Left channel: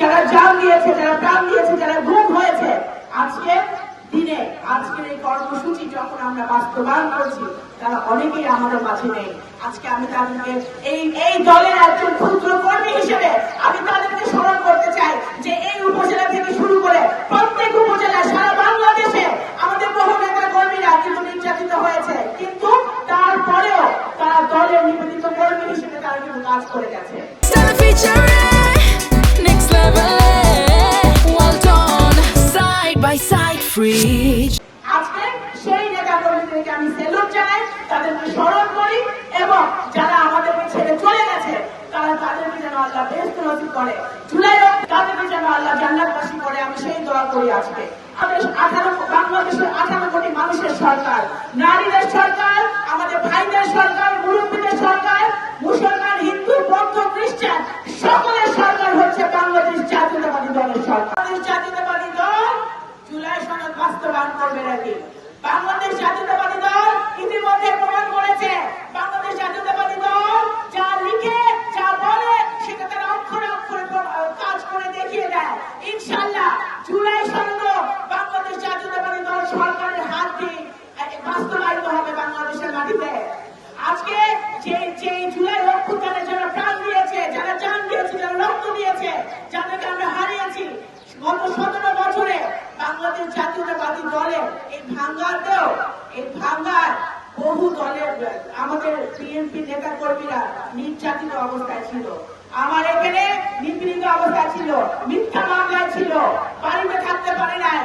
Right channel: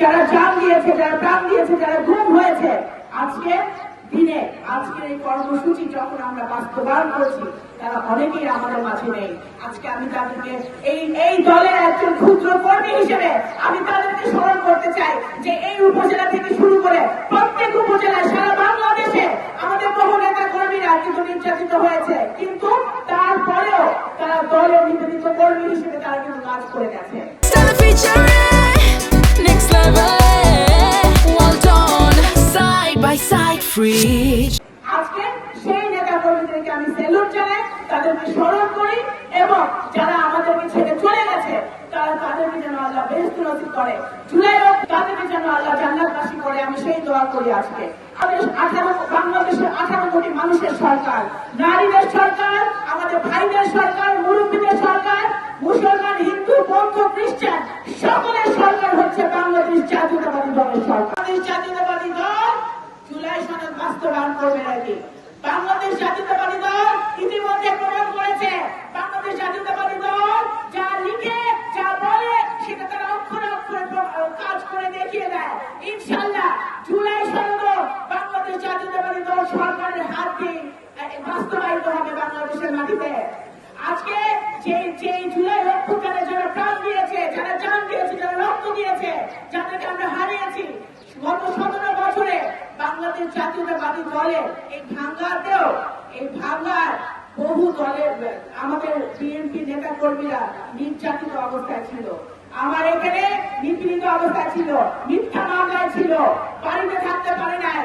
যারা জান দিয়েছে, যারা প্রাণ দিয়েছে, যারা গুম হয়েছে, আজকে দিনে আজকের এই কর্মসূচি যখন আমরা বাস্তবায়ন করছি, তারা অনেকেই আমাদের মাঝে নেই। আজকে আমি তাদেরকে এই দলের একজন ক্ষুদ্র কর্মী হিসেবে আমি তাদেরকে স্মরণ করতে চাই যে এই উপজেলা থেকে শুরু করে প্রত্যেক উপজেলায় সারা বাংলাদেশে আমাদের বহু নেতা কর্মীরা নির্যাতিত হয়েছে, কিন্তু তারপরেও তারা দলের নিবেদিত কর্মী হিসেবে তারা কিন্তু কাজ করে গেছে। আজকে সেই নেতা কর্মীদেরকে আমি স্যালুট জানাই, তাদেরকে স্মরণ করি এবং যারা আমাদেরকে ছেড়ে চলে গেছে তারা তাদেরকে যেন আল্লাহ বেহেশত নসিব করে, জুলাই তাদেরকে যেন আল্লাহ জান্নাতবাসী করে, আমি সেই দোয়া করি। আজকে বাংলাদেশের 18 কোটি মানুষের সরকার, নারীদের সরকার, আমাদের ভাইদের সরকার, মুরব্বীদের সরকার, মুসলমান, হিন্দু, বৌদ্ধ, খ্রিস্টান সকলের সরকার হচ্ছে বাংলাদেশ জাতীয়তাবাদী দলের সরকার। বাংলাদেশ জাতীয়তাবাদী দল জুলাই সনদ বাস্তবায়ন করবে নাকি? বাংলাদেশ জাতীয়তাবাদী দল ইতিমধ্যে প্রমাণ করেছে, বাংলাদেশ জাতীয়তাবাদী দল যা লিখে যা বলে সেটা তারা অক্ষরে অক্ষরে কাজ করে দেখিয়ে দেয়। ইনশাআল্লাহ জুলাই সনদ বাংলাদেশ জাতীয়তাবাদী দল সরকারের হাত দিয়ে বাস্তবায়িত হবে বাংলাদেশের মাটিতে। আজকে যে জুলাই অভ্যুত্থানে যারা প্রাণ দিয়েছে, যারা জান দিয়েছে, যারা রক্ত দিয়েছে, যাদেরকে আমরা হারিয়েছি গত 17 বছরে, বাংলাদেশ জাতীয়তাবাদী দলের এই ভাঙ্গার বহু দলের আমাদের বিএনপি নেতা কর্মীরা নির্যাতিত অবস্থায় ছিল, আমার এখানে নিপীড়িত অবস্থায় ছিল, মিথ্যা মামলায় ছিল, বাড়িতে থাকতে পারে নাই,